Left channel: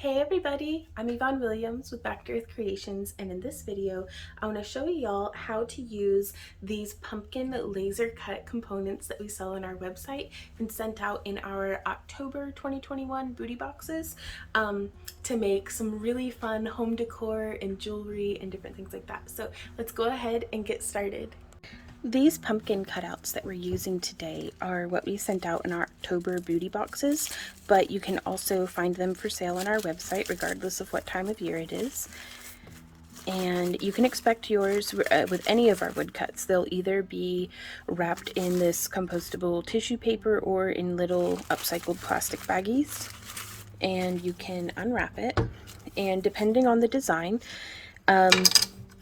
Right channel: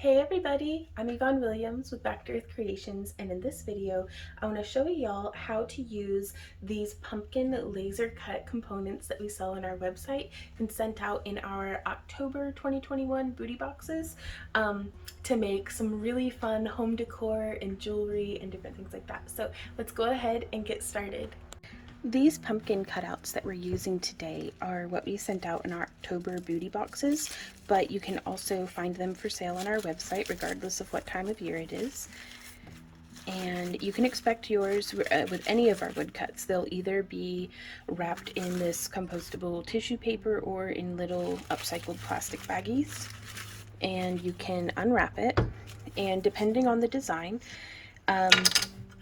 Hey everybody, I'm Yvonne Williams with Back to Earth Creations, and in this video I want to show y'all how to use these pumpkin laser cut components that we sell on our website and sent out in our October 2021 booty boxes to make some really fun home decor and jewelry and different things like that. So let's go ahead and get started. These pumpkin cutouts that we're using today are what we sent out in our October beauty boxes, but you can also find them for sale on our website regardless of what time of year it is. And you can expect yours with any of our woodcuts. They'll either be wrapped in this compostable tissue paper or in little upcycled plastic baggies. And you can unwrap it, and depending on the design,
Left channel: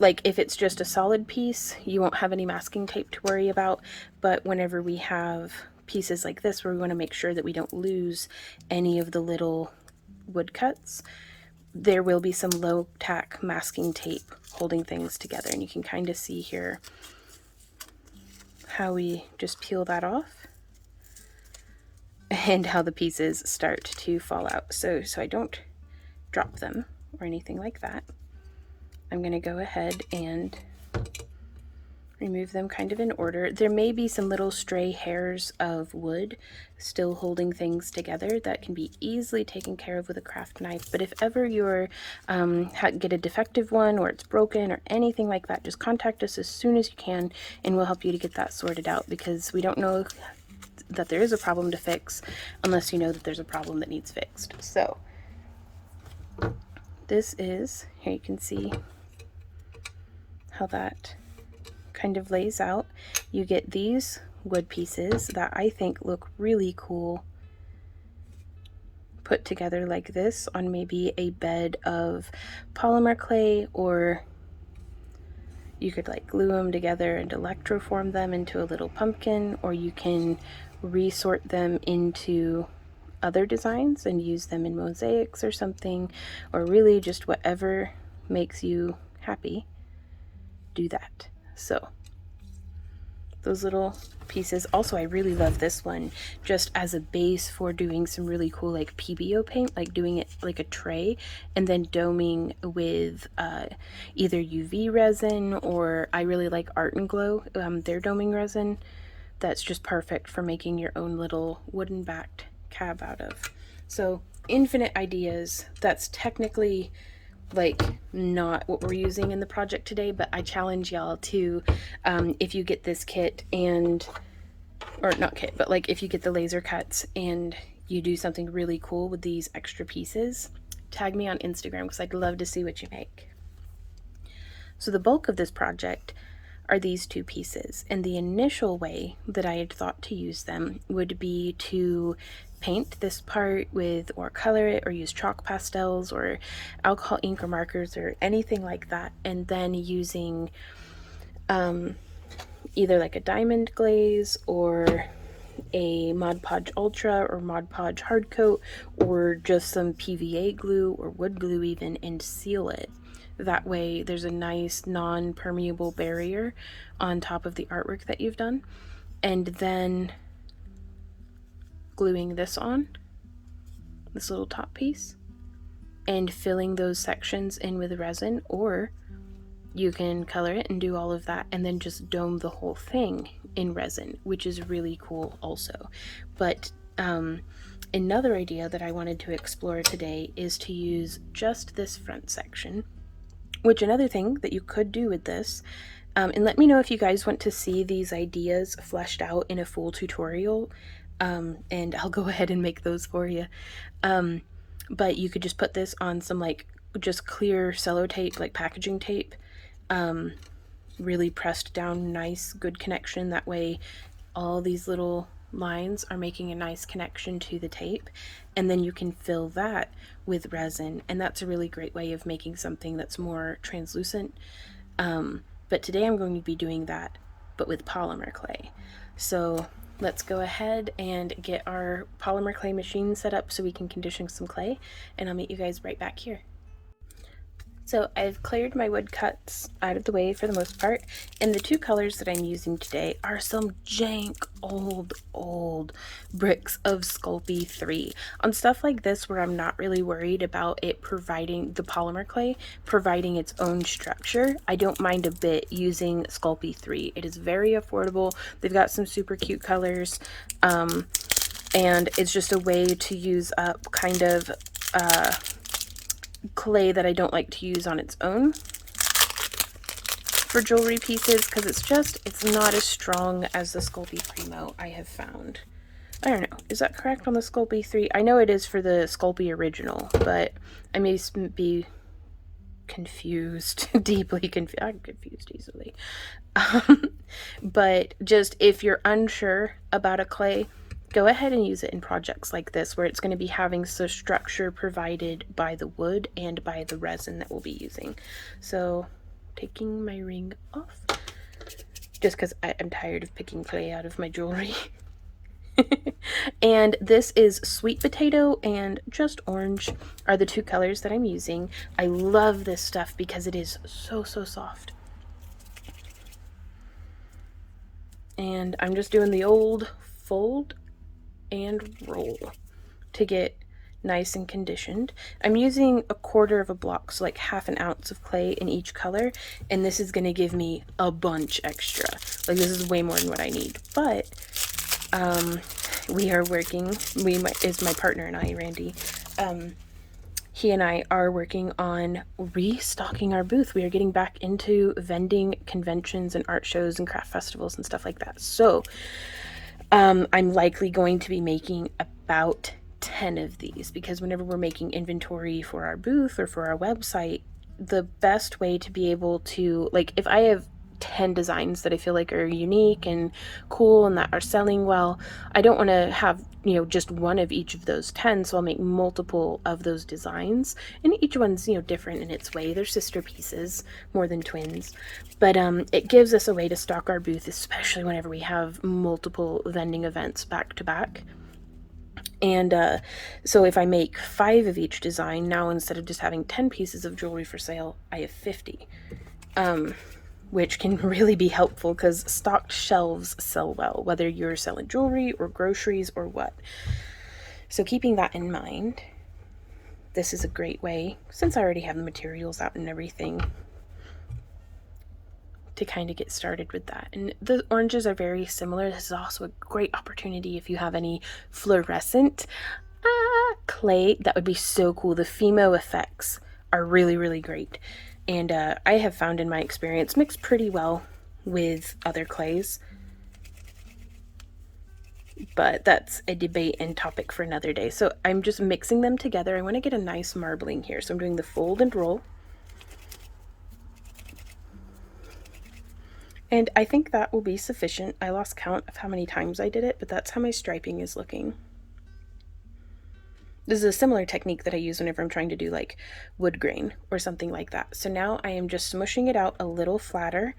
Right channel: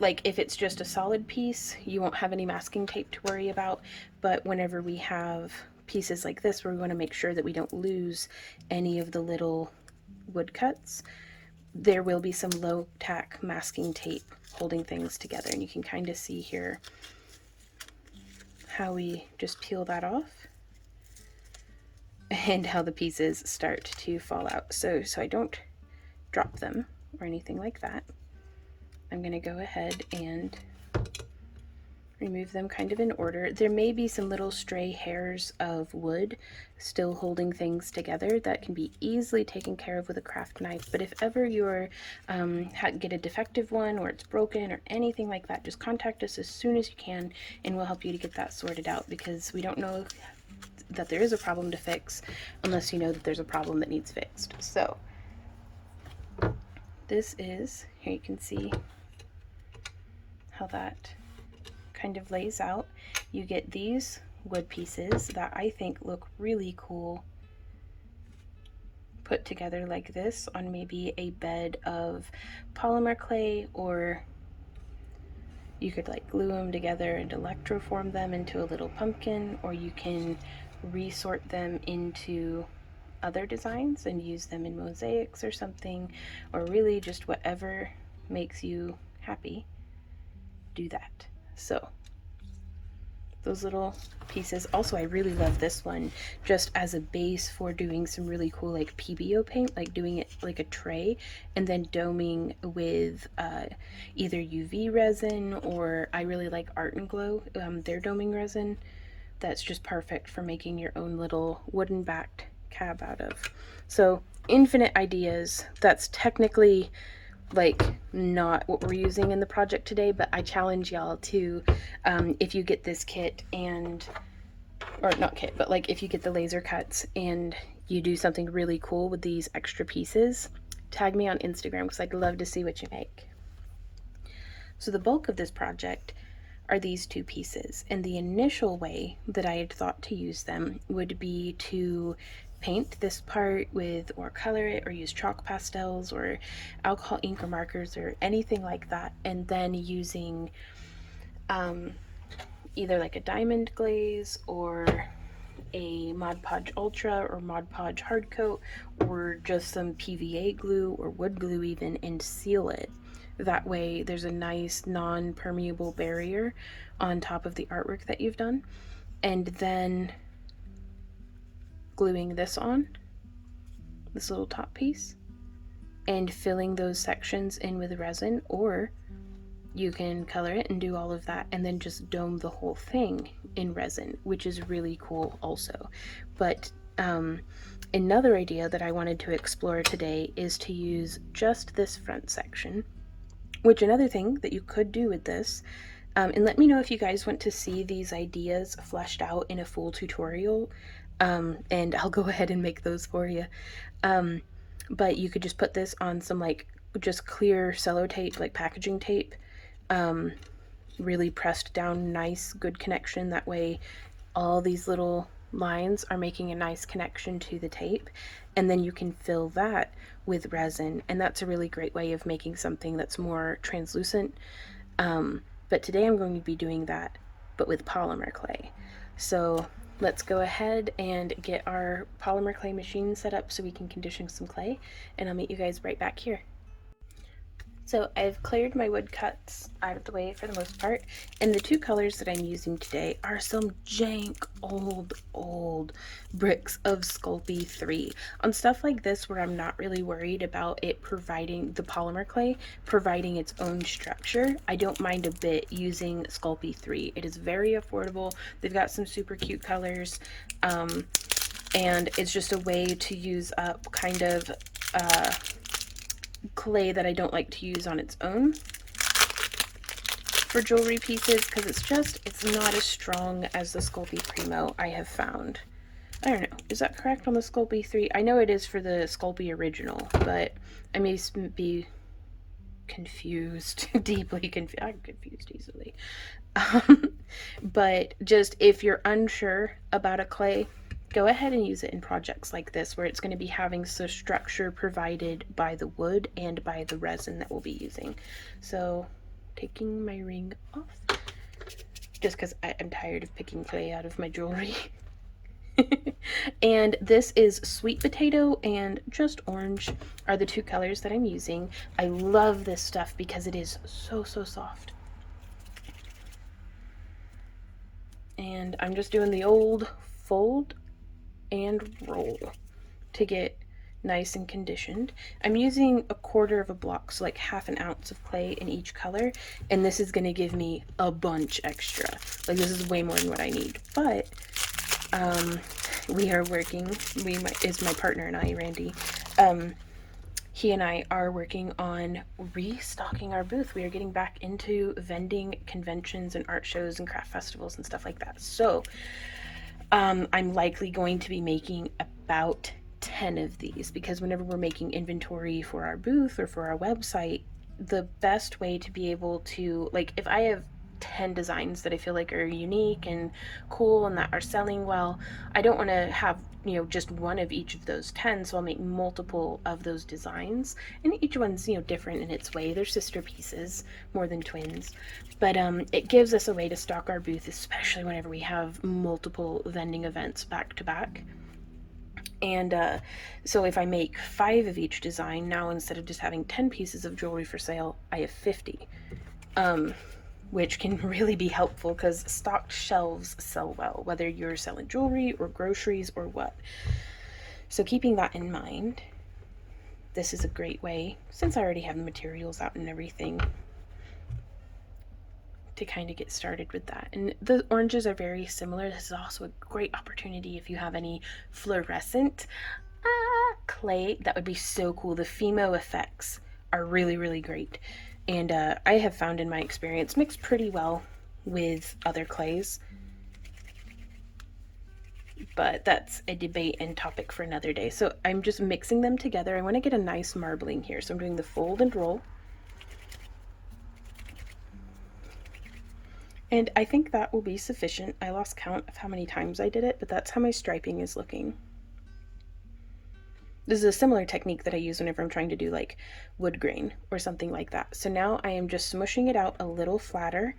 like if it's just a solid piece, you won't have any masking tape to worry about, but whenever we have pieces like this where we want to make sure that we don't lose any of the little woodcuts, there will be some low tack masking tape holding things together, and you can kind of see here how we just peel that off and how the pieces start to fall out. So I don't drop them or anything like that. I'm going to go ahead and remove them kind of in order. There may be some little stray hairs of wood still holding things together that can be easily taken care of with a craft knife, but if ever you're get a defective one or it's broken or anything like that, just contact us as soon as you can and we'll help you to get that sorted out, because we don't know that there is a problem to fix unless you know that there's a problem that needs fixed. So this is, here you can see how that kind of lays out. You get these wood pieces that I think look really cool put together like this on maybe a bed of polymer clay, or you could like glue them together and electroform them into a little pumpkin, or you can resort them into other designs and use them in mosaics or something, or really just whatever makes you happy, do that. So those little pieces. Also, I really love this one just as a base for doing some really cool like PBO paint, like doing it like a tray and then doming with either UV resin, or I really like Art and Glow, their doming resin. That's just perfect for making your own little wooden backed cab out of. So infinite ideas. That's technically like not what we're using in the project today, but I challenge y'all to, if you get this kit and, or not kit, but like if you get the laser cuts and you do something really cool with these extra pieces, tag me on Instagram because I'd love to see what you make. So the bulk of this project are these two pieces, and the initial way that I had thought to use them would be to paint this part with, or color it, or use chalk pastels or alcohol ink or markers or anything like that, and then using either like a diamond glaze or a Mod Podge Ultra or Mod Podge hard coat, or just some PVA glue or wood glue even, and seal it. That way there's a nice non-permeable barrier on top of the artwork that you've done. And then gluing this on, this little top piece, and filling those sections in with resin, or you can color it and do all of that and then just dome the whole thing in resin, which is really cool also. But another idea that I wanted to explore today is to use just this front section, which another thing that you could do with this, and let me know if you guys want to see these ideas fleshed out in a full tutorial, and I'll go ahead and make those for you. But you could just put this on some like just clear sellotape, like packaging tape, really pressed down, nice, good connection. That way all these little lines are making a nice connection to the tape, and then you can fill that with resin, and that's a really great way of making something that's more translucent. But today I'm going to be doing that, but with polymer clay. So let's go ahead and get our polymer clay machine set up so we can condition some clay, and I'll meet you guys right back here. So I've cleared my woodcuts out of the way for the most part, and the two colors that I'm using today are some jank old bricks of Sculpey 3. On stuff like this where I'm not really worried about it providing, the polymer clay providing its own structure, I don't mind a bit using Sculpey 3. It is very affordable. They've got some super cute colors, and it's just a way to use up kind of clay that I don't like to use on its own for jewelry pieces, because it's not as strong as the Sculpey Primo I have found. I don't know, is that correct on the Sculpey 3? I know it is for the Sculpey original, but I may be confused, deeply confused. I'm confused easily. But just if you're unsure about a clay, go ahead and use it in projects like this where it's going to be having some structure provided by the wood and by the resin that we'll be using. So taking my ring off, just because I'm tired of picking clay out of my jewelry. And this is sweet potato and just orange are the two colors that I'm using. I love this stuff because it is so soft. And I'm just doing the old fold and roll to get nice and conditioned. I'm using 1/4 of a block, so like 1/2 ounce of clay in each color, and this is going to give me a bunch extra. Like, this is way more than what I need. But we are working, is my partner and I, Randy, he and I are working on restocking our booth. We are getting back into vending conventions and art shows and craft festivals and stuff like that. So I'm likely going to be making about 10 of these, because whenever we're making inventory for our booth or for our website, the best way to be able to, like, if I have 10 designs that I feel like are unique and cool and that are selling well, I don't want to have, you know, just one of each of those 10, so I'll make multiple of those designs, and each one's, you know, different in its way. They're sister pieces more than twins, but it gives us a way to stock our booth, especially whenever we have multiple vending events back to back. And so if I make 5 of each design, now instead of just having 10 pieces of jewelry for sale, I have 50. Which can really be helpful because stocked shelves sell well, whether you're selling jewelry or groceries or what. So keeping that in mind, this is a great way, since I already have the materials out and everything, to kind of get started with that. And the oranges are very similar. This is also a great opportunity if you have any fluorescent clay. That would be so cool. The Fimo effects are really great. And I have found in my experience mix pretty well with other clays. But that's a debate and topic for another day. So I'm just mixing them together. I want to get a nice marbling here. So I'm doing the fold and roll. And I think that will be sufficient. I lost count of how many times I did it, but that's how my striping is looking. This is a similar technique that I use whenever I'm trying to do like wood grain or something like that. So now I am just smushing it out a little flatter.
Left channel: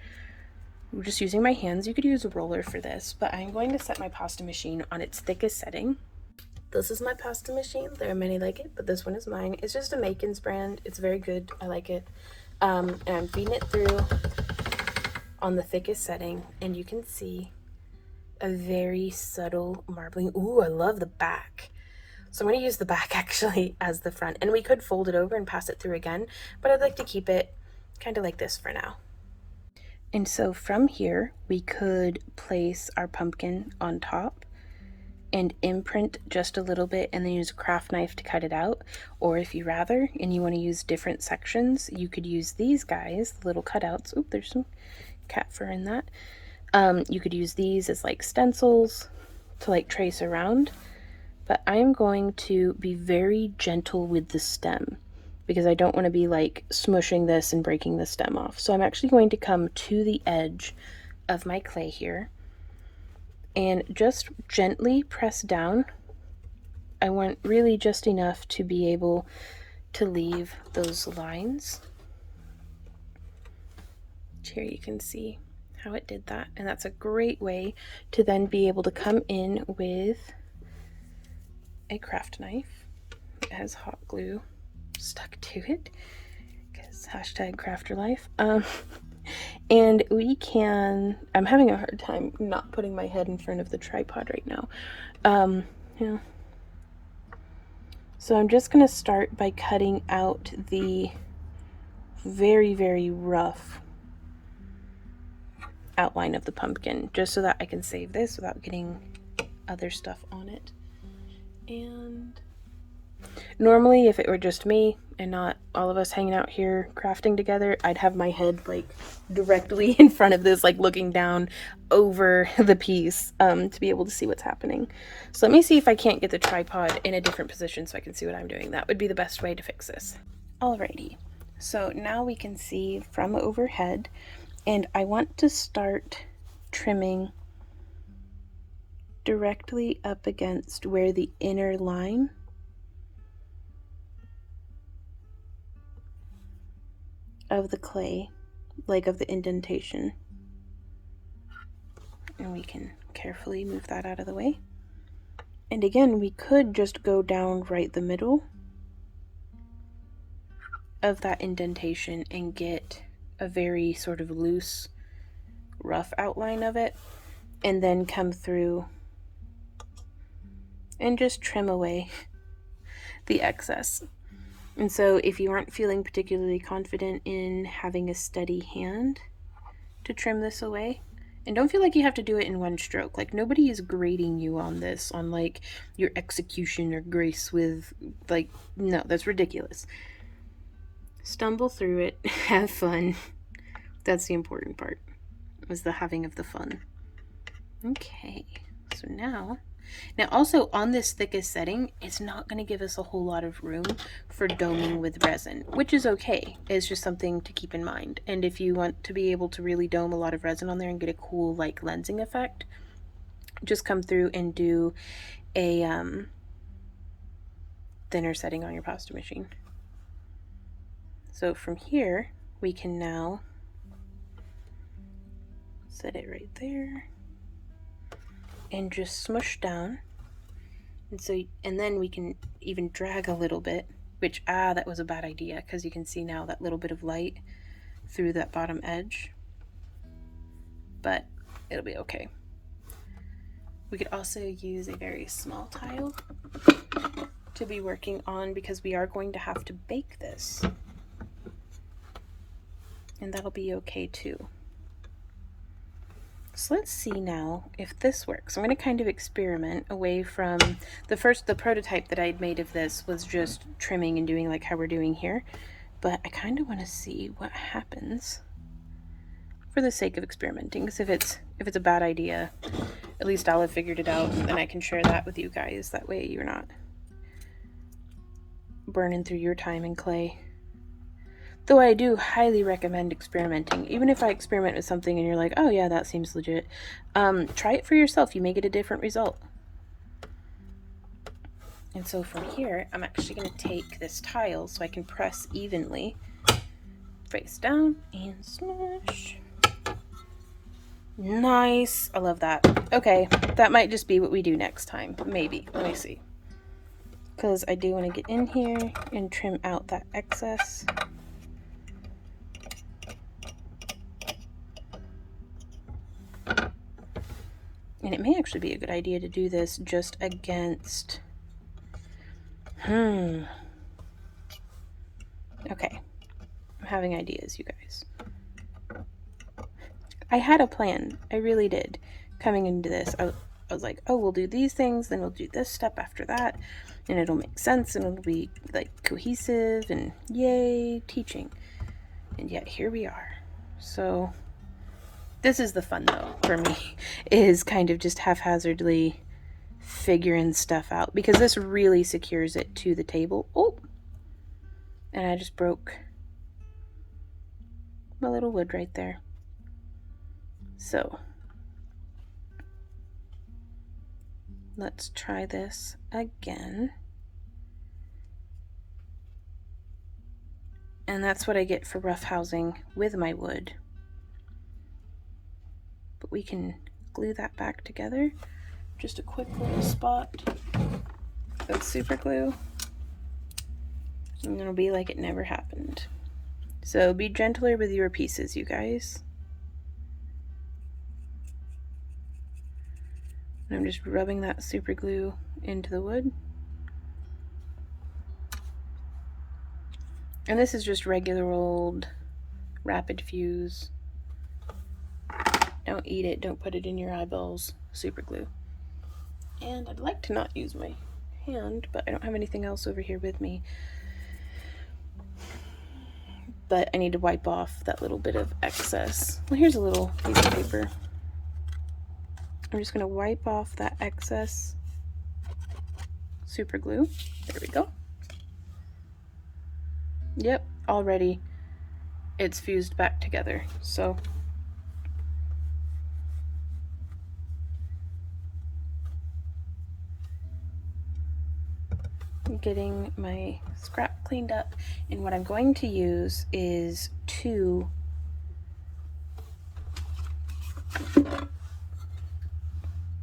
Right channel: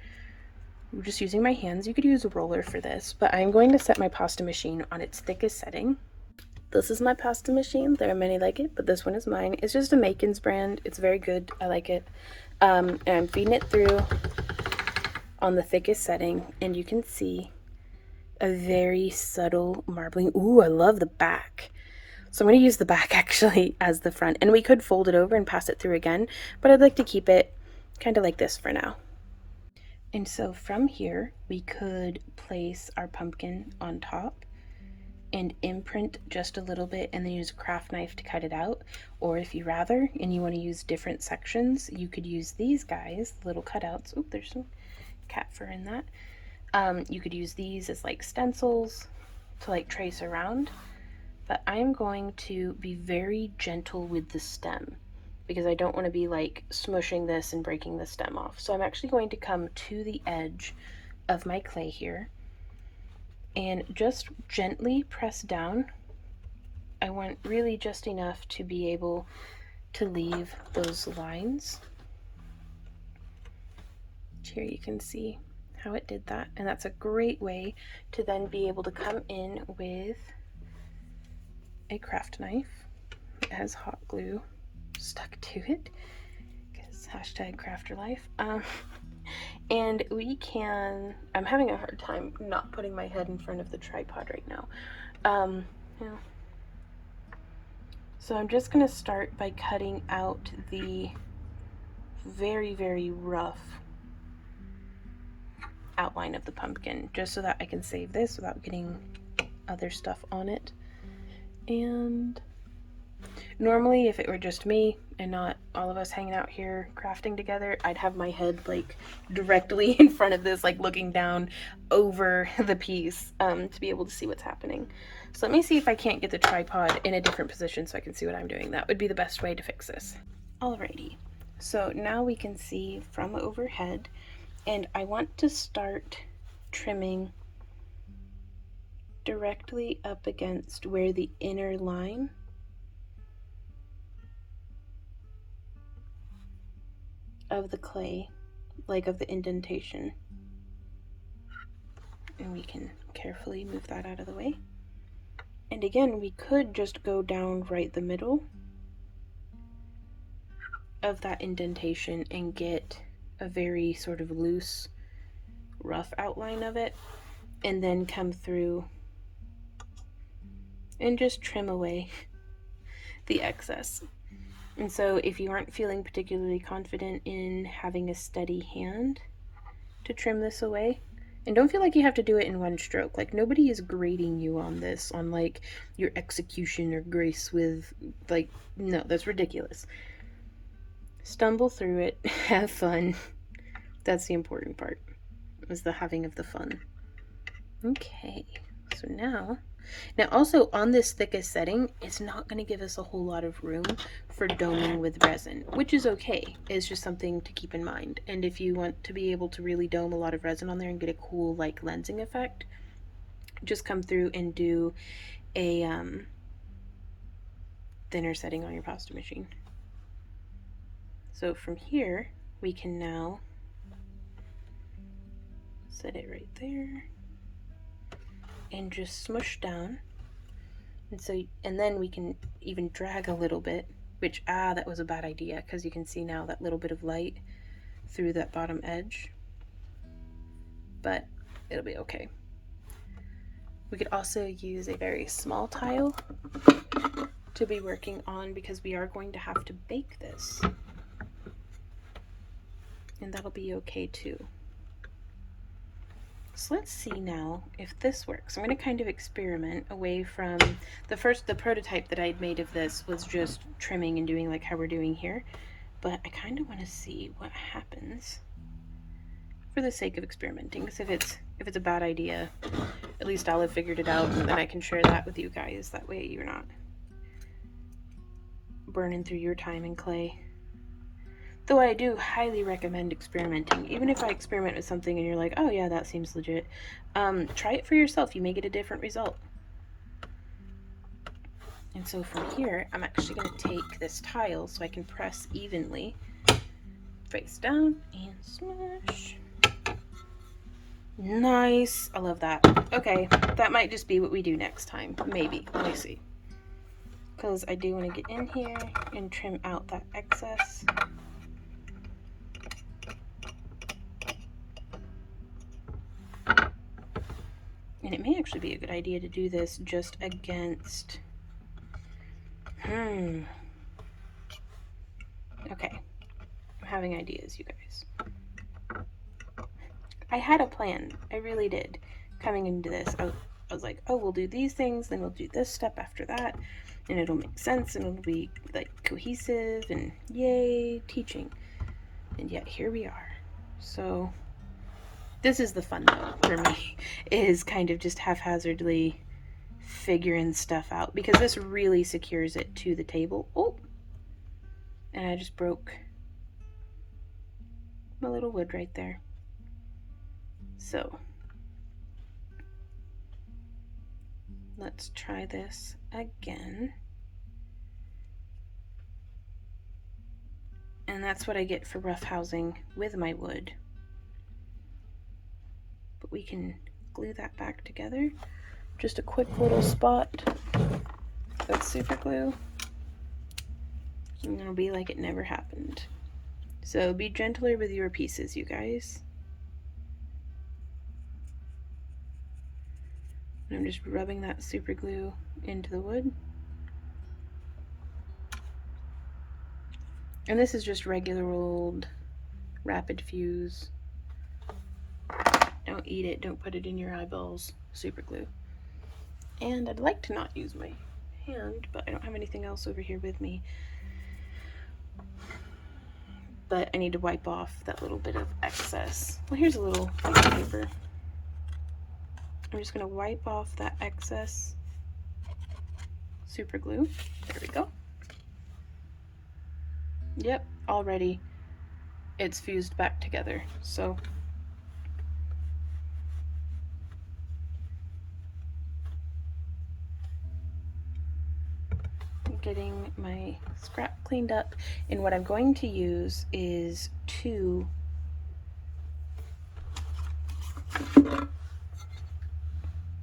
I'm just using my hands. You could use a roller for this, but I'm going to set my pasta machine on its thickest setting. This is my pasta machine. There are many like it, but this one is mine. It's just a Makin's brand. It's very good. I like it. And I'm feeding it through on the thickest setting, and you can see a very subtle marbling. Ooh, I love the back. So I'm going to use the back actually as the front, and we could fold it over and pass it through again, but I'd like to keep it kind of like this for now. And so from here, we could place our pumpkin on top and imprint just a little bit and then use a craft knife to cut it out. Or if you rather, and you want to use different sections, you could use these guys, the little cutouts. Oop, there's some cat fur in that. You could use these as like stencils to like trace around. But I'm going to be very gentle with the stem because I don't want to be like smushing this and breaking the stem off. So I'm actually going to come to the edge of my clay here and just gently press down. I want really just enough to be able to leave those lines. Here you can see how it did that, and that's a great way to then be able to come in with a craft knife. It has hot glue stuck to it because It's hashtag crafter life. And we can, I'm having a hard time not putting my head in front of the tripod right now. Yeah. So I'm just going to start by cutting out the very, very rough outline of the pumpkin, just so that I can save this without getting other stuff on it. And normally, if it were just me and not all of us hanging out here crafting together, I'd have my head like directly in front of this, like looking down over the piece to be able to see what's happening. So let me see if I can't get the tripod in a different position so I can see what I'm doing. That would be the best way to fix this. Alrighty, so now we can see from overhead, and I want to start trimming directly up against where the inner line of the clay, like of the indentation. And we can carefully move that out of the way. And again, we could just go down right the middle of that indentation and get a very sort of loose, rough outline of it, and then come through and just trim away the excess. And so if you aren't feeling particularly confident in having a steady hand to trim this away, and don't feel like you have to do it in one stroke. Like, nobody is grading you on this, on like your execution or grace with, like, no, that's ridiculous. Stumble through it, have fun. That's the important part, was the having of the fun. Okay, so now also on this thickest setting, it's not going to give us a whole lot of room for doming with resin, which is okay. It's just something to keep in mind. And if you want to be able to really dome a lot of resin on there and get a cool like lensing effect, just come through and do a thinner setting on your pasta machine. So from here, we can now set it right there and just smush down. And then we can even drag a little bit, which, that was a bad idea, because you can see now that little bit of light through that bottom edge, but it'll be okay. We could also use a very small tile to be working on, because we are going to have to bake this, and that'll be okay too. So let's see now if this works. I'm going to kind of experiment away from the prototype that I'd made of this was just trimming and doing like how we're doing here, but I kind of want to see what happens for the sake of experimenting, because if it's a bad idea, at least I'll have figured it out, and then I can share that with you guys. That way you're not burning through your time in clay. Though I do highly recommend experimenting. Even if I experiment with something and you're like, oh yeah, that seems legit, try it for yourself. You may get a different result. And so from here, I'm actually going to take this tile so I can press evenly, face down, and smash. Nice. I love that. Okay, that might just be what we do next time. Maybe. Let me see. Because I do want to get in here and trim out that excess. And it may actually be a good idea to do this just against, okay, I'm having ideas, you guys. I had a plan, I really did, coming into this. I was like, oh, we'll do these things, then we'll do this step after that, and it'll make sense, and it'll be like cohesive, and yay, teaching. And yet here we are. So this is the fun though for me, is kind of just haphazardly figuring stuff out, because this really secures it to the table. Oh, and I just broke my little wood right there. So let's try this again. And that's what I get for roughhousing with my wood. But we can glue that back together. Just a quick little spot of super glue, and it'll be like it never happened. So be gentler with your pieces, you guys. And I'm just rubbing that super glue into the wood. And this is just regular old rapid fuse. Don't eat it, don't put it in your eyeballs. Super glue. And I'd like to not use my hand, but I don't have anything else over here with me. But I need to wipe off that little bit of excess. Well, here's a little piece of paper. I'm just going to wipe off that excess super glue. There we go. Yep, already it's fused back together. So getting my scrap cleaned up, and what I'm going to use is 2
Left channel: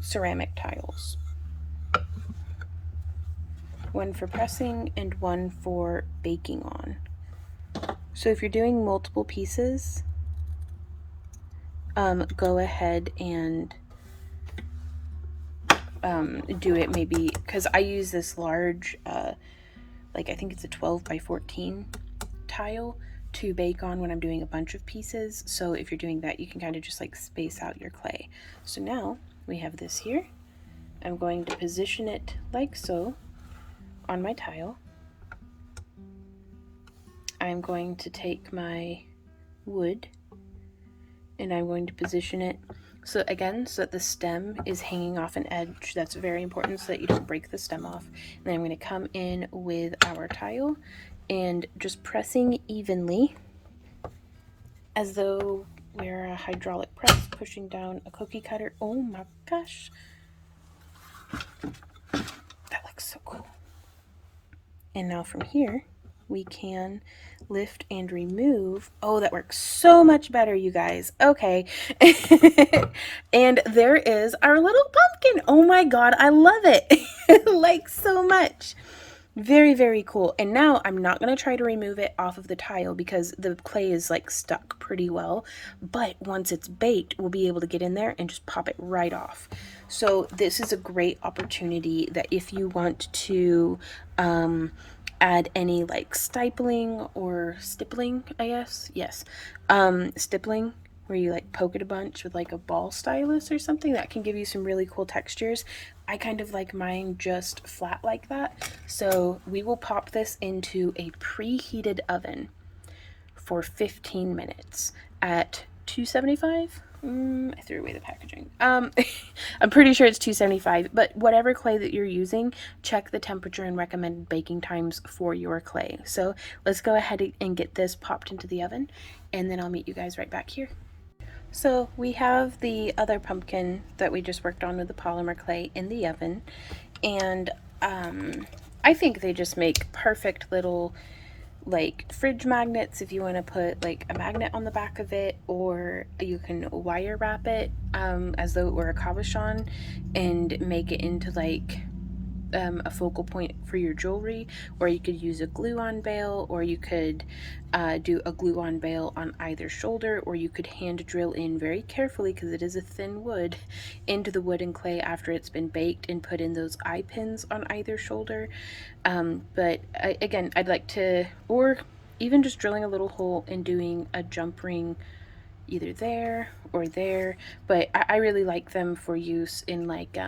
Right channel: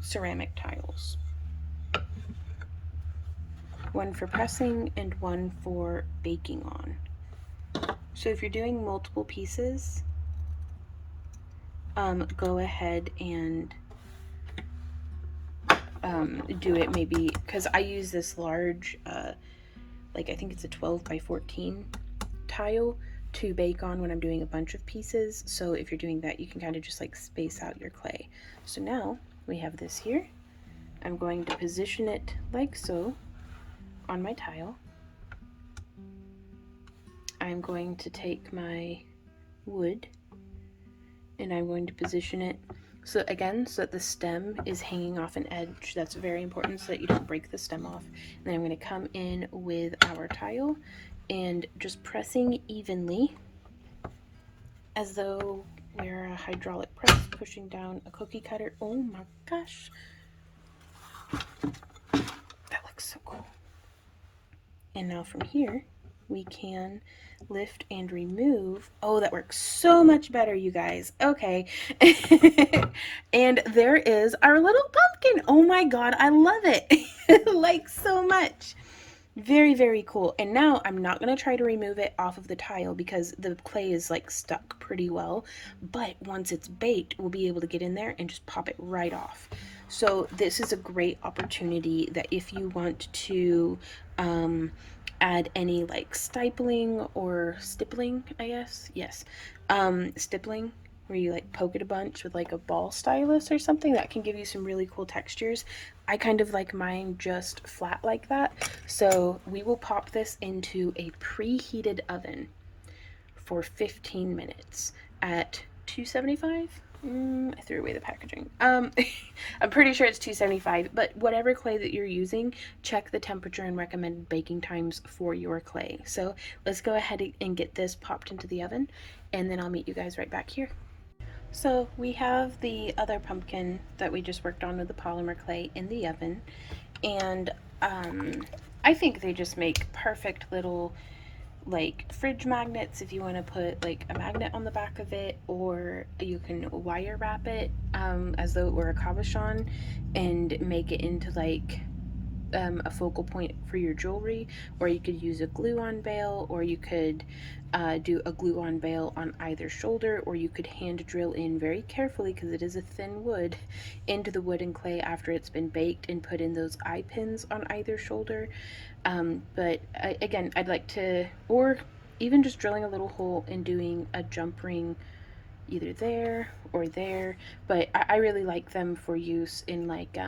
ceramic tiles. One for pressing and one for baking on. So if you're doing multiple pieces, go ahead and do it maybe, because I use this large, like I think it's a 12 by 14 tile to bake on when I'm doing a bunch of pieces. So if you're doing that, you can kind of just like space out your clay. So now we have this here. I'm going to position it like so on my tile. I'm going to take my wood and I'm going to position it so again, so that the stem is hanging off an edge. That's very important so that you don't break the stem off. And then I'm going to come in with our tile and just pressing evenly as though we're a hydraulic press pushing down a cookie cutter. Oh my gosh. That looks so cool. And now from here, we can lift and remove. Oh, that works so much better, you guys. Okay. And there is our little pumpkin. Oh my God, I love it. Like so much. Very, very cool. And now I'm not going to try to remove it off of the tile because the clay is like stuck pretty well. But once it's baked, we'll be able to get in there and just pop it right off. So this is a great opportunity that if you want to add any like stippling or stippling, I guess. Yes. Stippling, where you like poke it a bunch with like a ball stylus or something, that can give you some really cool textures. I kind of like mine just flat like that. So we will pop this into a preheated oven for 15 minutes at 275. I threw away the packaging. I'm pretty sure it's 275, but whatever clay that you're using, check the temperature and recommended baking times for your clay. So let's go ahead and get this popped into the oven, and then I'll meet you guys right back here. So we have the other pumpkin that we just worked on with the polymer clay in the oven, and I think they just make perfect little like fridge magnets if you want to put like a magnet on the back of it, or you can wire wrap it as though it were a cabochon and make it into like a focal point for your jewelry, or you could use a glue-on bail, or you could do a glue-on bail on either shoulder, or you could hand drill in very carefully, because it is a thin wood, into the wood and clay after it's been baked and put in those eye pins on either shoulder. But again, I'd like to, or even just drilling a little hole and doing a jump ring either there or there, but I really like them for use in like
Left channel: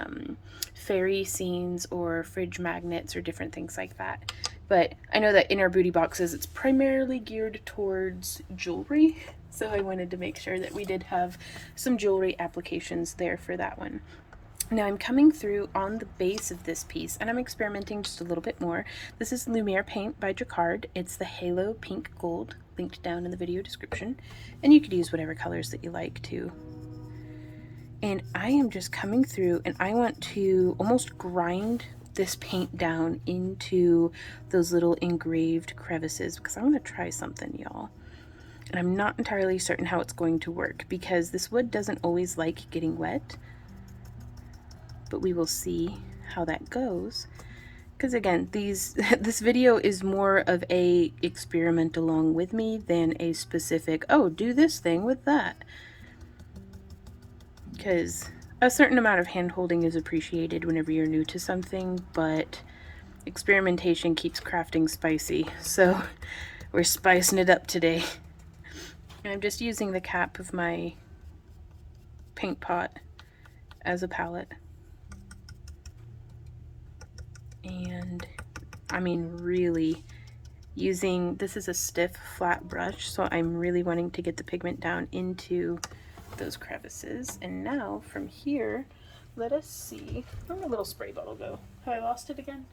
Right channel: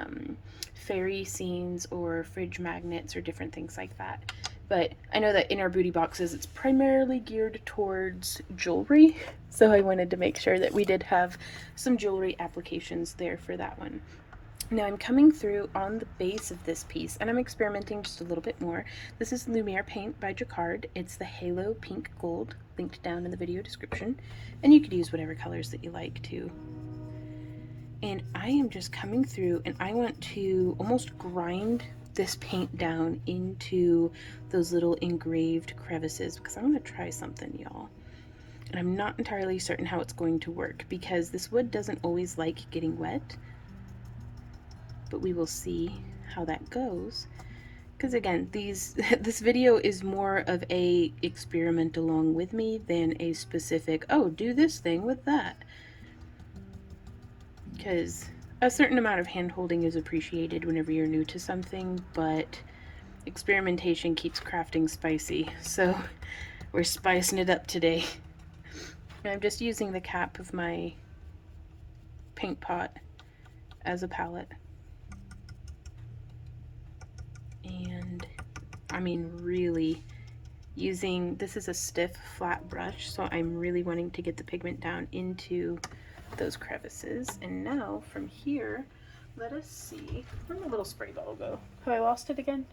fairy scenes or fridge magnets or different things like that. But I know that in our booty boxes it's primarily geared towards jewelry, so I wanted to make sure that we did have some jewelry applications there for that one. Now I'm coming through on the base of this piece, and I'm experimenting just a little bit more. This is Lumiere paint by Jacquard. It's the Halo Pink Gold, linked down in the video description, and you could use whatever colors that you like to. And I am just coming through, and I want to almost grind this paint down into those little engraved crevices, because I want to try something, y'all. And I'm not entirely certain how it's going to work, because this wood doesn't always like getting wet. But we will see how that goes. because again, this video is more of a experiment along with me than a specific, oh, do this thing with that. Because a certain amount of hand holding is appreciated whenever you're new to something, but experimentation keeps crafting spicy, so we're spicing it up today. And I'm just using the cap of my paint pot as a palette. And I mean, really using, this is a stiff flat brush, so I'm really wanting to get the pigment down into those crevices. And now from here, let us see, where'd my little spray bottle go? Have I lost it again?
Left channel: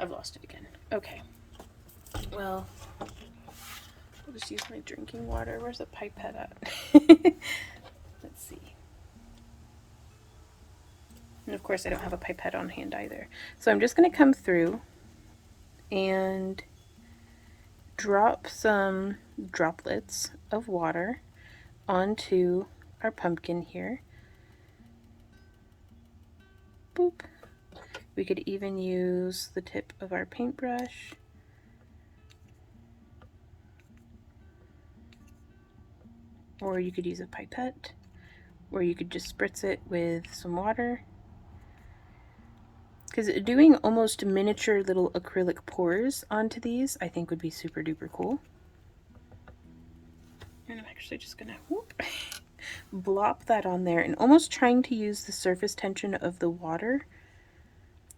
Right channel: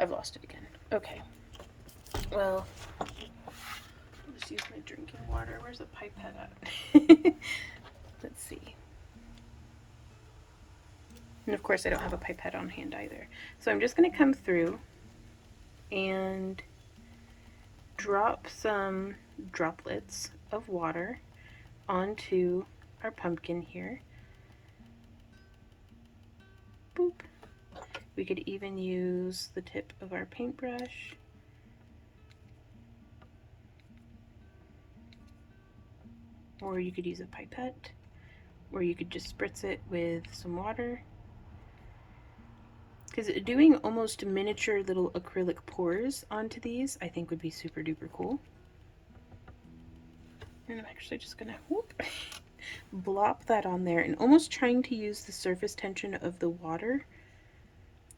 I've lost it again. Okay, well, I'll just use my drinking water. Where's the pipette at? Let's see. And of course I don't have a pipette on hand either. So I'm just going to come through and drop some droplets of water onto our pumpkin here. Boop. We could even use the tip of our paintbrush. Or you could use a pipette, or you could just spritz it with some water. Because doing almost miniature little acrylic pours onto these, I think would be super duper cool. And I'm actually just gonna whoop, blop that on there, and almost trying to use the surface tension of the water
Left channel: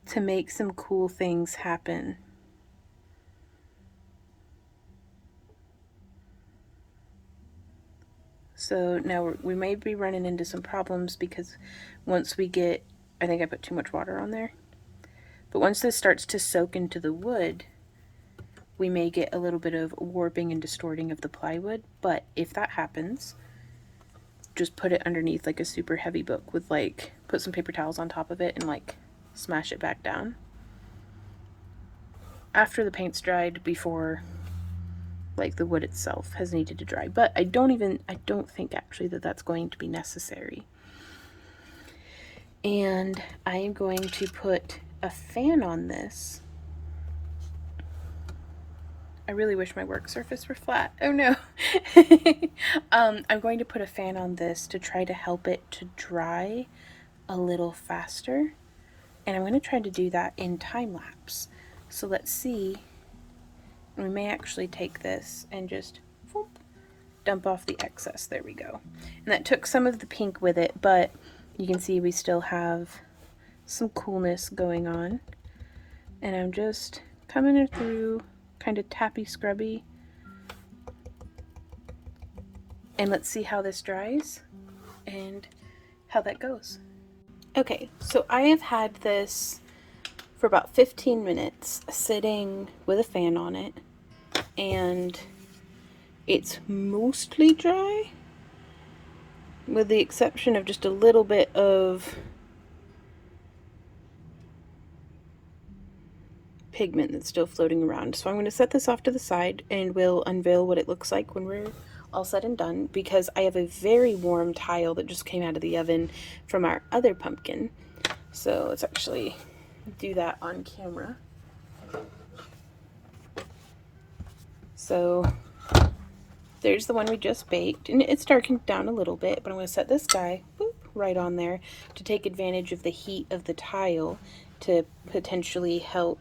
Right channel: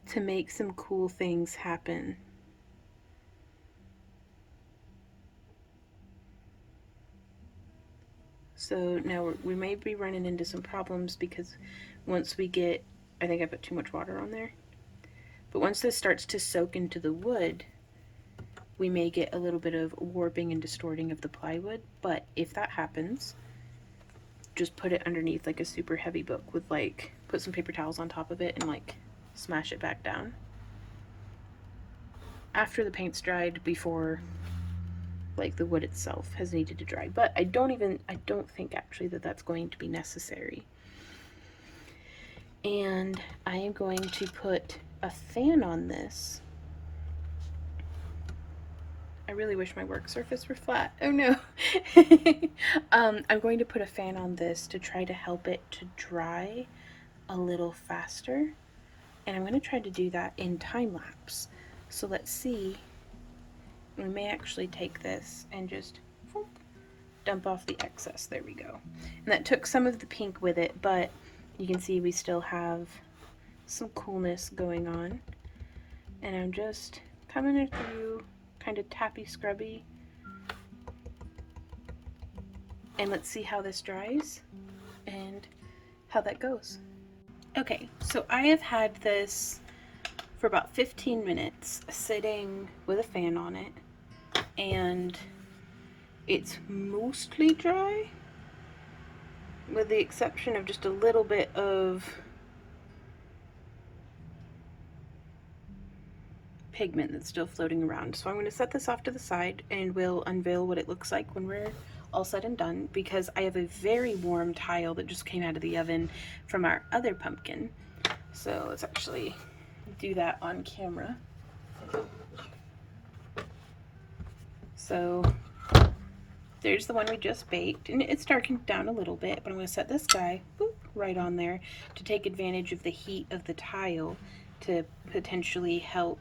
to make some cool things happen. So now we may be running into some problems because once we get, I think I put too much water on there. But once this starts to soak into the wood, we may get a little bit of warping and distorting of the plywood. But if that happens, just put it underneath like a super heavy book with like, put some paper towels on top of it and like smash it back down. After the paint's dried, before like the wood itself has needed to dry. But I don't think actually that that's going to be necessary. And I am going to put a fan on this. I really wish my work surface were flat. Oh no. I'm going to put a fan on this to try to help it to dry a little faster. And I'm going to try to do that in time lapse. So let's see. We may actually take this and just whoop, dump off the excess. There we go. And that took some of the pink with it, but you can see we still have some coolness going on. And I'm just coming it through, kind of tappy scrubby. And let's see how this dries and how that goes. Okay, so I have had this for about 15 minutes sitting with a fan on it, and it's mostly dry with the exception of just a little bit of pigment that's still floating around. So I'm going to set this off to the side and we'll unveil what it looks like when we're all said and done, because I have a very warm tile that just came out of the oven from our other pumpkin. So let's actually do that on camera. So there's the one we just baked, and it's darkened down a little bit, but I'm going to set this guy boop, right on there to take advantage of the heat of the tile to potentially help,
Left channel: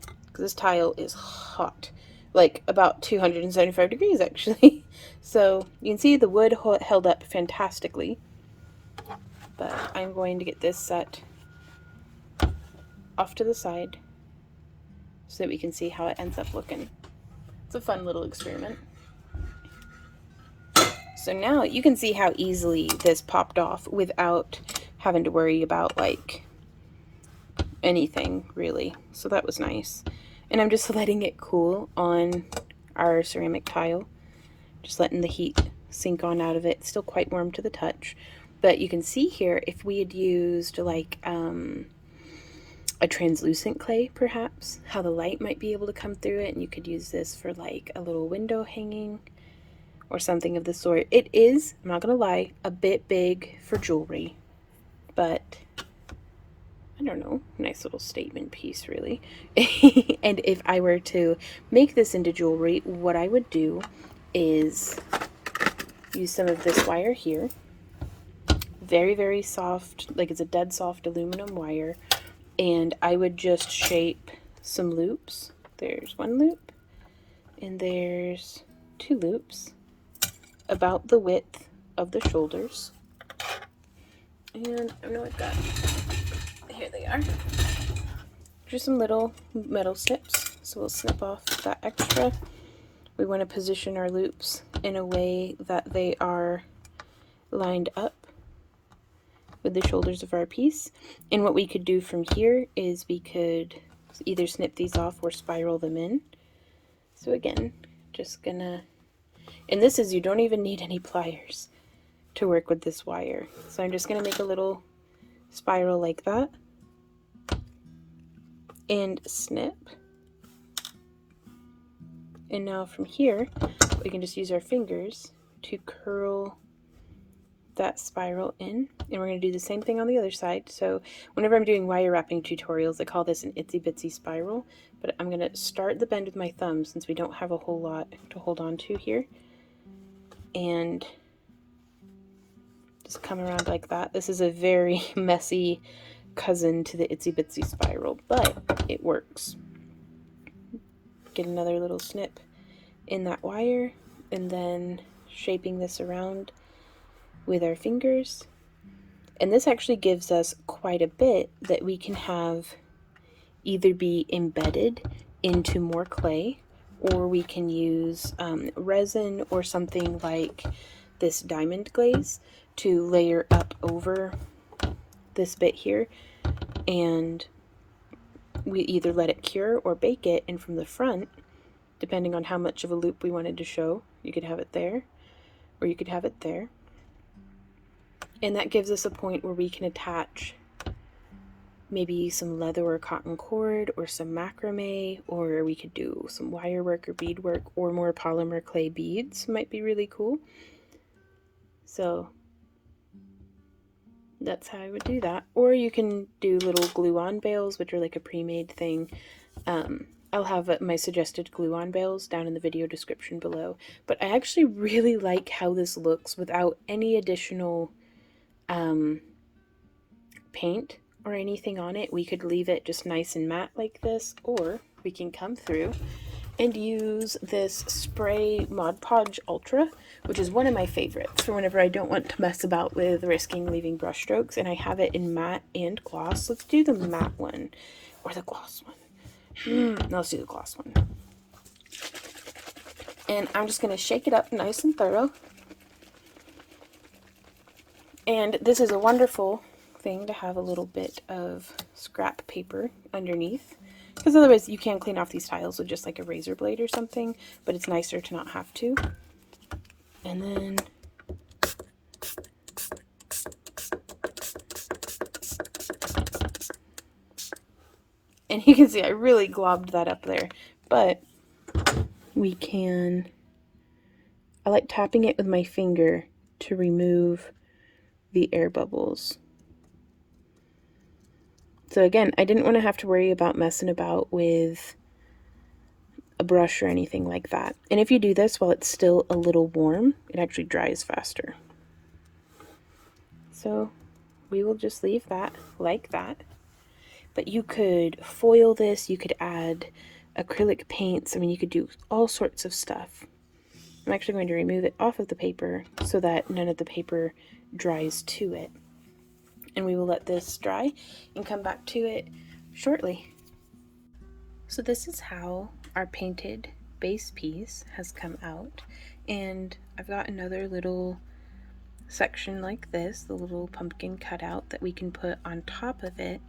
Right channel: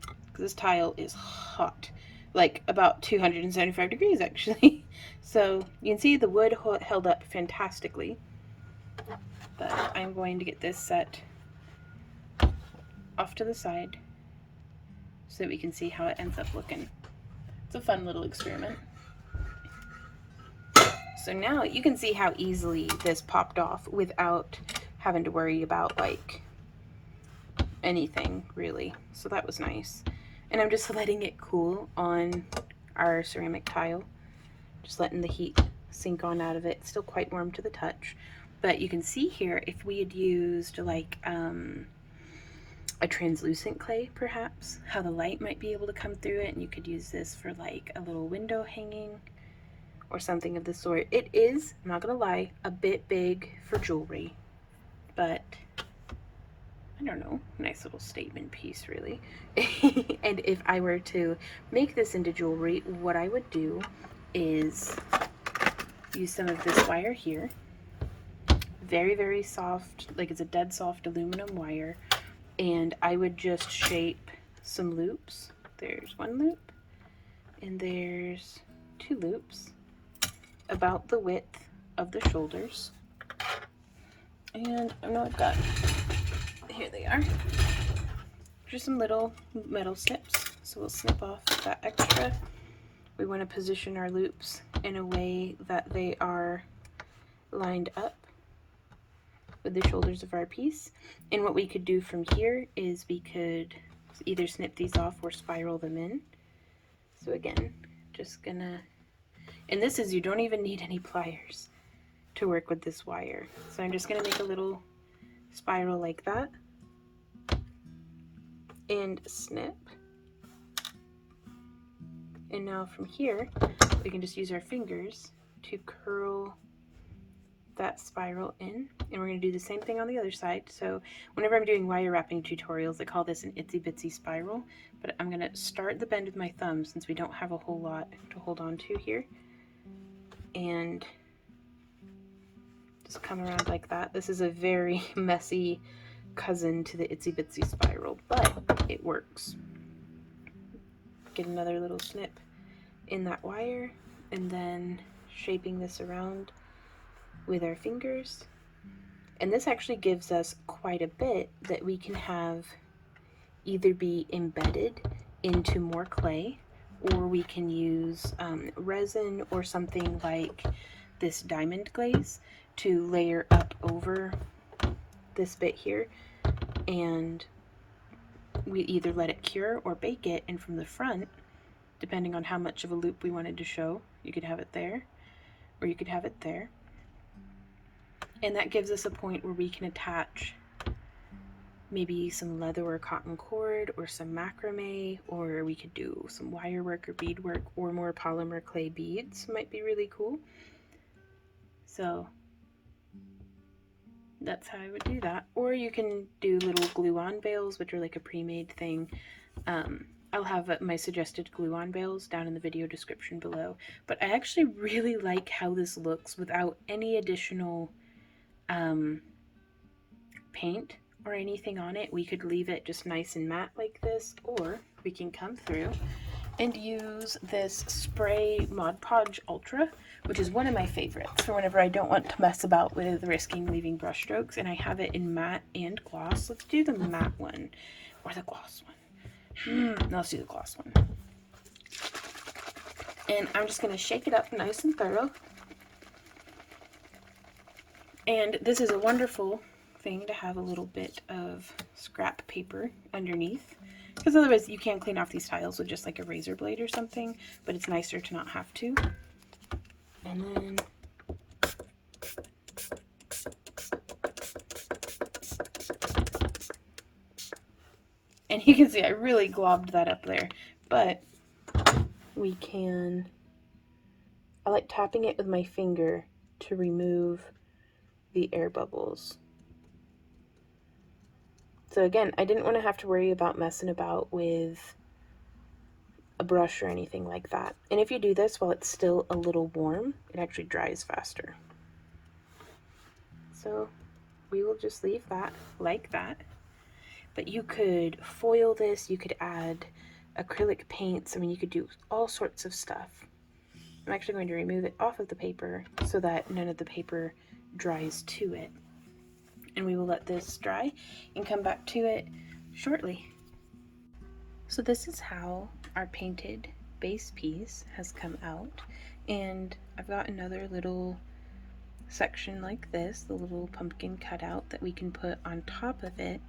because this tile is hot, like about 275 degrees actually. So you can see the wood held up fantastically, but I'm going to get this set off to the side so that we can see how it ends up looking. It's a fun little experiment. So now you can see how easily this popped off without having to worry about like anything really. So that was nice. And I'm just letting it cool on our ceramic tile. Just letting the heat sink on out of it. It's still quite warm to the touch. But you can see here, if we had used like a translucent clay perhaps, how the light might be able to come through it, and you could use this for like a little window hanging or something of the sort. It is, I'm not gonna lie, a bit big for jewelry, but I don't know, nice little statement piece, really. And if I were to make this into jewelry, what I would do is use some of this wire here. Very, very soft, like it's a dead soft aluminum wire. And I would just shape some loops. There's one loop, and there's two loops about the width of the shoulders. And I know I've got, here they are. Just some little metal snips. So we'll snip off that extra. We want to position our loops in a way that they are lined up with the shoulders of our piece. And what we could do from here is we could either snip these off or spiral them in. So again, just gonna, and this is, you don't even need any pliers to work with this wire. So I'm just gonna make a little spiral like that and snip. And now from here, we can just use our fingers to curl that spiral in, and we're going to do the same thing on the other side. So whenever I'm doing wire wrapping tutorials, I call this an itsy bitsy spiral, but I'm going to start the bend with my thumb since we don't have a whole lot to hold on to here, and just come around like that. This is a very messy cousin to the itsy bitsy spiral, but it works. Get another little snip in that wire, and then shaping this around with our fingers. And this actually gives us quite a bit that we can have either be embedded into more clay, or we can use resin or something like this diamond glaze to layer up over this bit here, and we either let it cure or bake it, and from the front, depending on how much of a loop we wanted to show, you could have it there or you could have it there. And that gives us a point where we can attach maybe some leather or cotton cord or some macrame, or we could do some wire work or bead work, or more polymer clay beads might be really cool. So that's how I would do that. Or you can do little glue-on bales, which are like a pre-made thing. I'll have my suggested glue-on bales down in the video description below. But I actually really like how this looks without any additional paint or anything on it. We could leave it just nice and matte like this, or we can come through and use this spray Mod Podge Ultra, which is one of my favorites for whenever I don't want to mess about with risking leaving brush strokes, and I have it in matte and gloss. Let's do the matte one or the gloss one. No, let's do the gloss one. And I'm just going to shake it up nice and thorough. And this is a wonderful thing to have a little bit of scrap paper underneath, because otherwise you can clean off these tiles with just like a razor blade or something, but it's nicer to not have to. And then and you can see I really globbed that up there, but we can, I like tapping it with my finger to remove the air bubbles. So again, I didn't want to have to worry about messing about with a brush or anything like that. And if you do this while it's still a little warm, it actually dries faster. So we will just leave that like that. But you could foil this, you could add acrylic paints, I mean, you could do all sorts of stuff. I'm actually going to remove it off of the paper so that none of the paper dries to it. And we will let this dry and come back to it shortly. So this is how our painted base piece has come out. And I've got another little section like this, the little pumpkin cutout that we can put on top of it.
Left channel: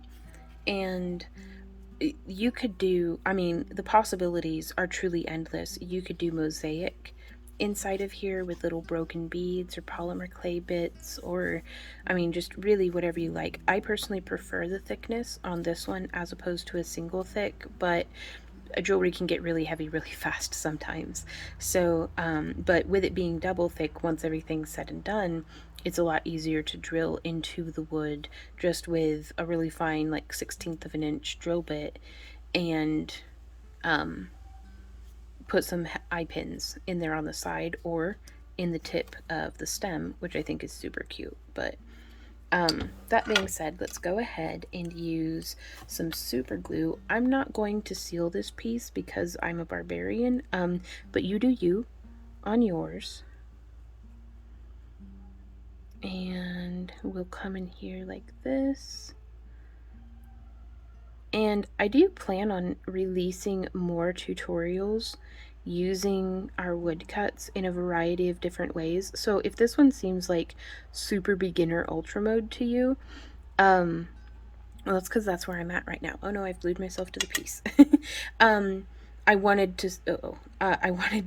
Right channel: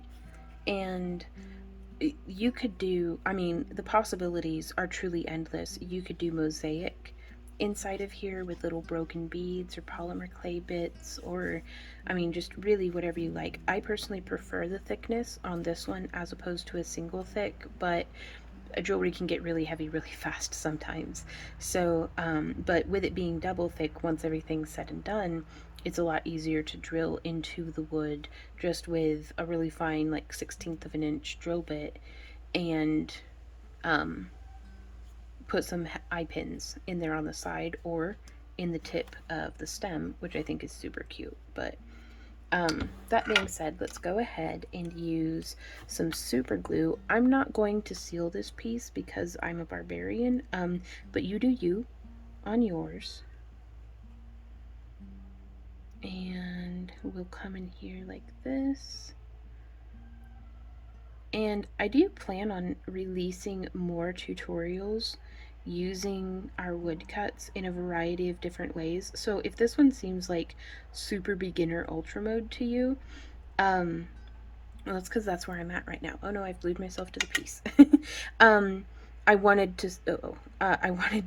And you could do, I mean, the possibilities are truly endless. You could do mosaic inside of here with little broken beads or polymer clay bits, or I mean, just really whatever you like. I personally prefer the thickness on this one as opposed to a single thick, but jewelry can get really heavy really fast sometimes. So, but with it being double thick, once everything's said and done, it's a lot easier to drill into the wood just with a really fine, like 1/16 of an inch drill bit, and put some eye pins in there on the side or in the tip of the stem, which I think is super cute. But that being said, let's go ahead and use some super glue. I'm not going to seal this piece because I'm a barbarian, but you do you on yours. And we'll come in here like this. And I do plan on releasing more tutorials using our woodcuts in a variety of different ways. So if this one seems like super beginner ultra mode to you, well, that's because that's where I'm at right now. Oh no, I've glued myself to the piece. I wanted to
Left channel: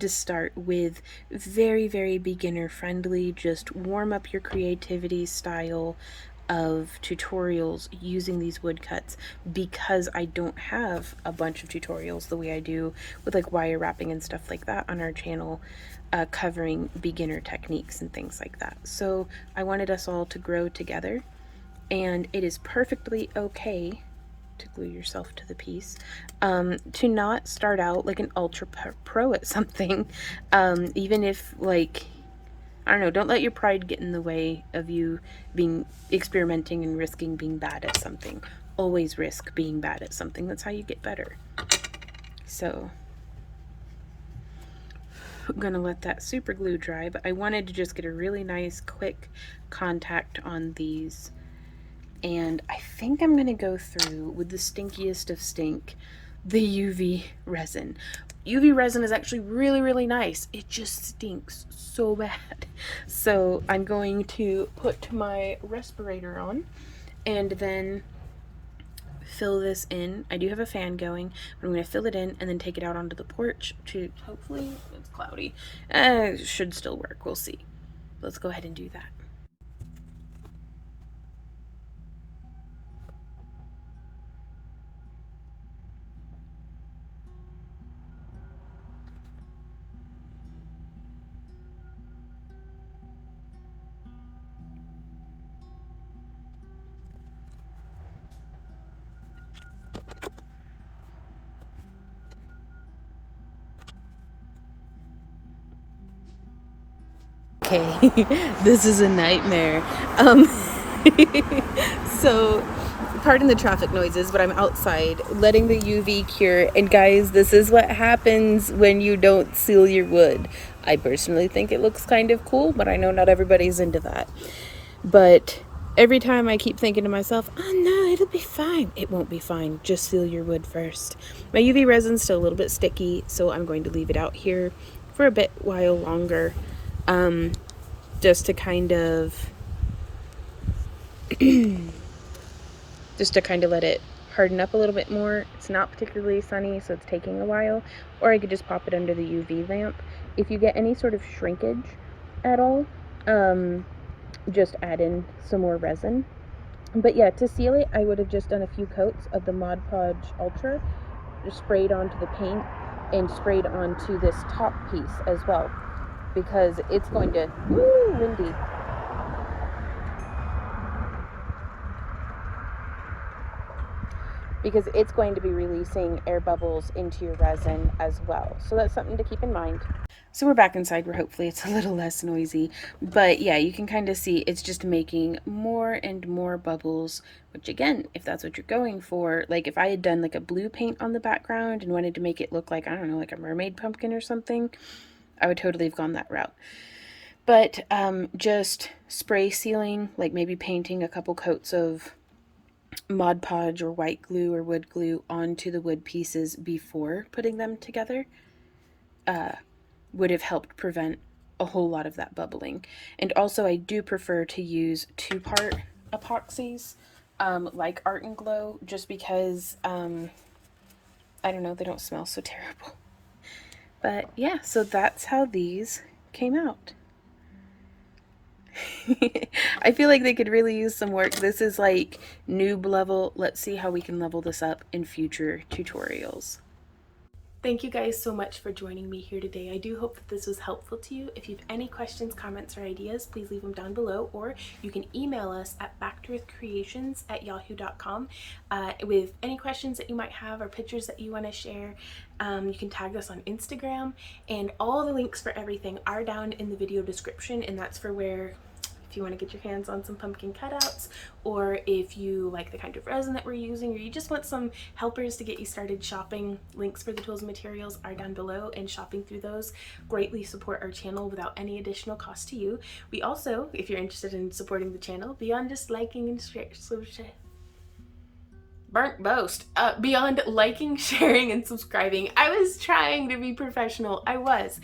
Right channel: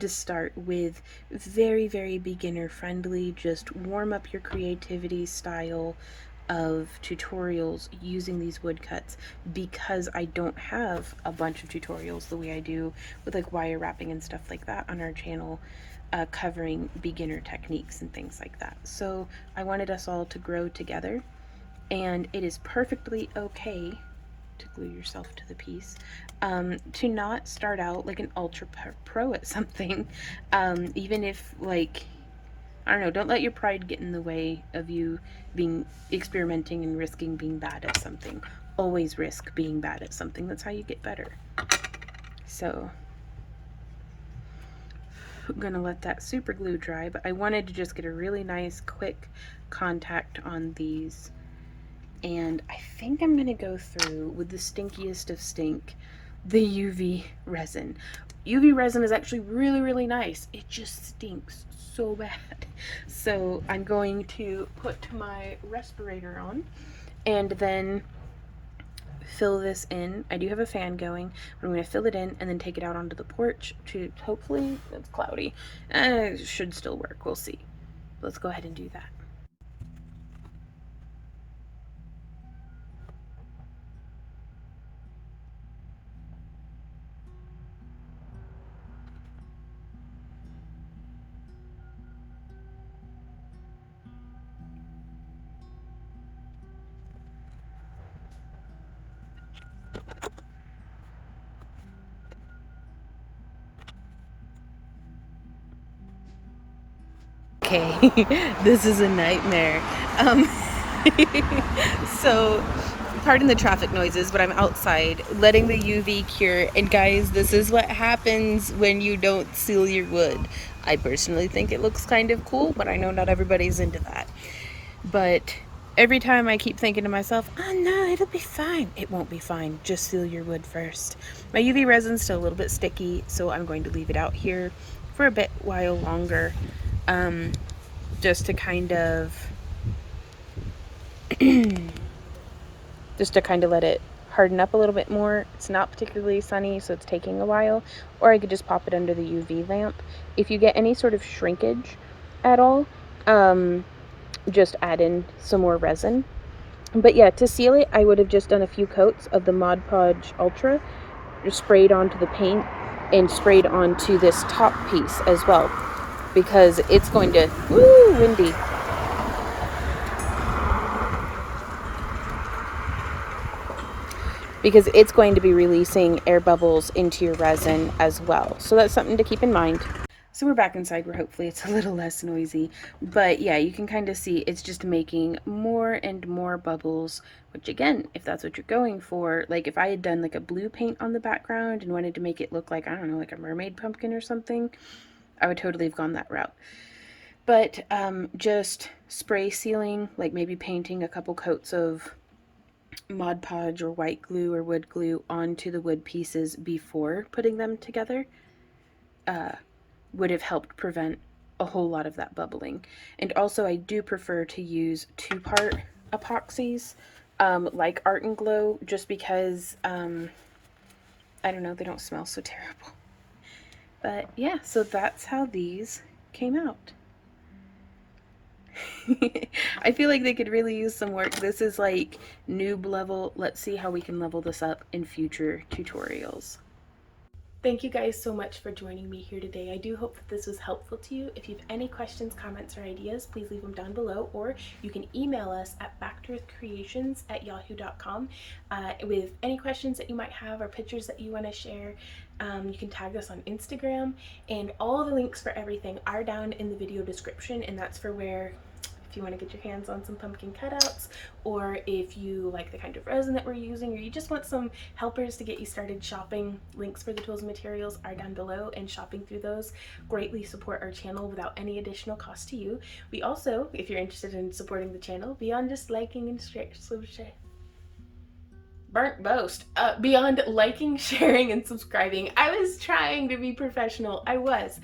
start with very, very beginner friendly, just warm up your creativity style of tutorials using these woodcuts, because I don't have a bunch of tutorials the way I do with like wire wrapping and stuff like that on our channel, covering beginner techniques and things like that. So I wanted us all to grow together, and it is perfectly okay to glue yourself to the piece, to not start out like an ultra pro at something, even if, like, I don't know, don't let your pride get in the way of you being experimenting and risking being bad at something. Always risk being bad at something. That's how you get better. So I'm gonna let that super glue dry, but I wanted to just get a really nice quick contact on these. And I think I'm gonna go through with the stinkiest of stink, the UV resin. UV resin is actually really, really nice. It just stinks so bad. So I'm going to put my respirator on and then fill this in. I do have a fan going, but I'm going to fill it in and then take it out onto the porch to, hopefully, it's cloudy. It should still work. We'll see. Let's go ahead and do that. Okay, this is a nightmare. So, pardon the traffic noises, but I'm outside letting the UV cure. And guys, this is what happens when you don't seal your wood. I personally think it looks kind of cool, but I know not everybody's into that. But every time I keep thinking to myself, oh no, it'll be fine. It won't be fine. Just seal your wood first. My UV resin's still a little bit sticky, so I'm going to leave it out here for a bit while longer. Just to kind of let it harden up a little bit more. It's not particularly sunny, so it's taking a while. Or I could just pop it under the UV lamp. If you get any sort of shrinkage at all, just add in some more resin. But yeah, to seal it, I would have just done a few coats of the Mod Podge Ultra, just sprayed onto the paint and sprayed onto this top piece as well, because it's going to, woo, windy. Because it's going to be releasing air bubbles into your resin as well. So that's something to keep in mind. So we're back inside where hopefully it's a little less noisy. But yeah, you can kind of see it's just making more and more bubbles, which again, if that's what you're going for, like if I had done like a blue paint on the background and wanted to make it look like, I don't know, like a mermaid pumpkin or something, I would totally have gone that route. But just spray sealing, like maybe painting a couple coats of Mod Podge or white glue or wood glue onto the wood pieces before putting them together, would have helped prevent a whole lot of that bubbling. And also I do prefer to use 2-part epoxies, like Art and Glow, just because, I don't know, they don't smell so terrible. But yeah, so that's how these came out. I feel like they could really use some work. This is like noob level. Let's see how we can level this up in future tutorials. thank you guys so much for joining me here today. I do hope that this was helpful to you. If you have any questions, comments, or ideas, please leave them down below, or you can email us at backtooearthcreations@yahoo.com with any questions that you might have or pictures that you want to share. You can tag us on Instagram, and all the links for everything are down in the video description, and that's for where, if you want to get your hands on some pumpkin cutouts, or if you like the kind of resin that we're using, or you just want some helpers to get you started shopping, links for the tools and materials are down below, and shopping through those greatly support our channel without any additional cost to you. We also, if you're interested in supporting the channel, beyond just liking and beyond liking, sharing, and subscribing, I was trying to be professional. I was.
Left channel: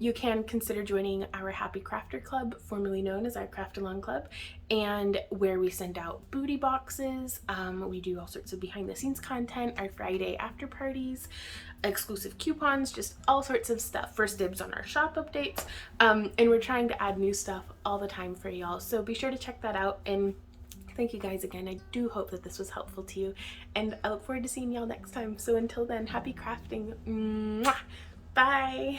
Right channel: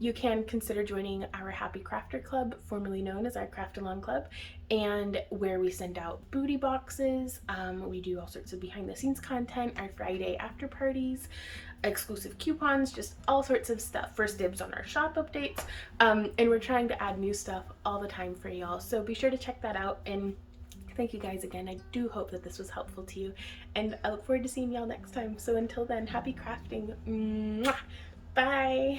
You can consider joining our Happy Crafter Club, formerly known as our Craft Along Club, and where we send out booty boxes. We do all sorts of behind the scenes content, our Friday after parties, exclusive coupons, just all sorts of stuff. First dibs on our shop updates. And we're trying to add new stuff all the time for y'all. So be sure to check that out. And thank you guys again. I do hope that this was helpful to you. And I look forward to seeing y'all next time. So until then, happy crafting. Mwah! Bye.